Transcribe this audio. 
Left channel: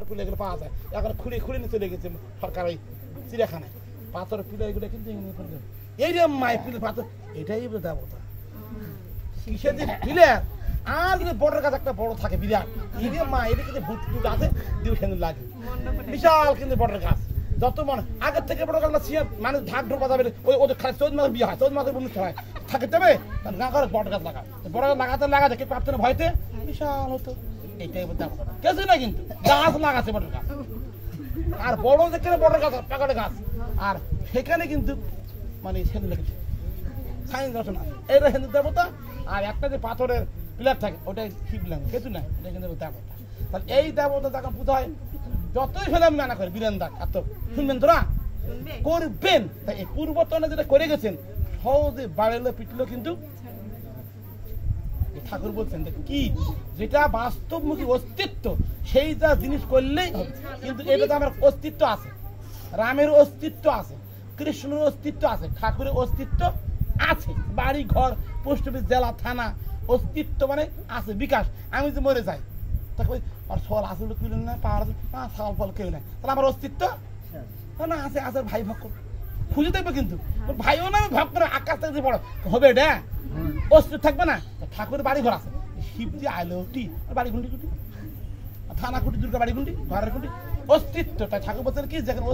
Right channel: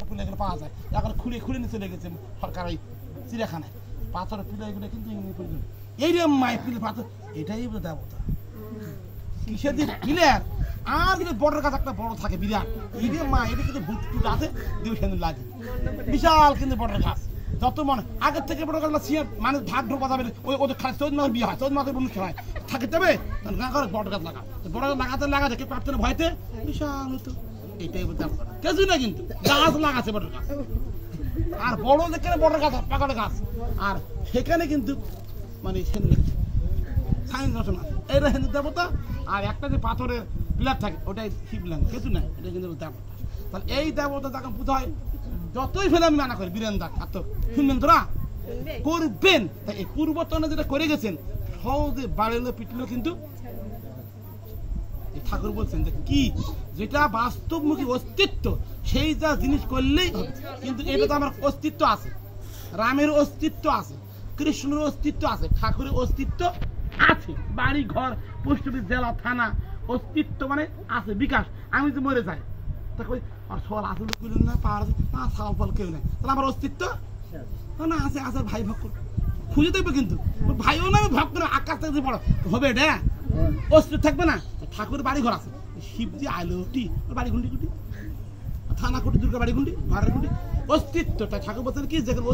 পিলা এগুলো পাওয়া যায় এখন খুলে খুলে নিয়ে চলে গেছে সরকার ওই চিড়িয়াখানায় পাথর পিলা এগুলো কিন্তু এই রে মাই পিলে পাথর এটাই দেবতা কিসের দিন পিলে আর যদি বড়ের কাছে একটা বড় থাকে বিরাট এই রে মা এটা কিন্তু ভুট টুট আছে দিবে সেদিন লাগে বিশাল কিন্তু বড়ের গাছ যত মনে আগের থেকে বড় গাছ মানে ঢাক ঢোক বাজাবে ওই ওদের খালি চোদ্দ মাস বিয়ে হয় চোদ্দ মাসের অনুষ্ঠান হয় থাকে তবে গা করে বড় গাছ লাগা বড় গাছ লাগাতে কেউ পারতেন ভয়তে বিশাল হতো এইটাই দেবতা কিছুই না কিন্তু গাছ লাগাচ্ছে বড় গাছ আর বড় যেখানে বড় গাছ পাকড়ে গাছ আর সেখানে কিন্তু মানে সাইন রচনা এটা হিন্দু দেবতা আর একটা যে পাথরের পিলার থাকে ওটাই শিবলিঙ্গ কিছু নাই এটা কিন্তু দেবতা তাহলে এই দেবতা যাকে পূজা হয় যতই ফেলে আমি মানা করি বীরেন্দ্র আর তো শুনবেন তোরা করবেন তাই এই পূর্বতনে যেটা করে গেছেন সহজে বাড়িলো পিটলো কিন্তু ঠাকুর বলছেন কি যেটা বাস্তবমুখী অস্তিত্ব সেই যা জিনিস করলেই হবে কিন্তু এটা তো আমার অস্তিত্ব আছে রামের অস্তিত্ব আছে কৃষ্ণের অস্তিত্ব আছে ঠাকুরের অস্তিত্ব আছে বাড়ি ঘর পোস্ট অফিস জেলা থানা অস্তিত্ব মানে আছে বিকাশ আমি তো মরে যাই তখন আর সল আসলে তুলেন না পাওয়ার আছে না সাল ফল কেউ নেই তাহলে আমার অস্তিত্ব না আছে আছে ভাই ভক্ত খুঁজে দেখবে কিন্তু ভাইও না ভক্ত করে আকাশ থেকে পড়ো হবে এটা অস্তিত্ব থাকবে না ঠাকুরের বাড়ি ঘর আছে শিবজি আলোটি বাড়ি গুন্ডি কুটি থানা কুটি দুর্গা বাড়ি গুন্ডি ঘরের গুন্ডি অস্তিত্ব তাই ঠাকুর বলছেন কি যেখানে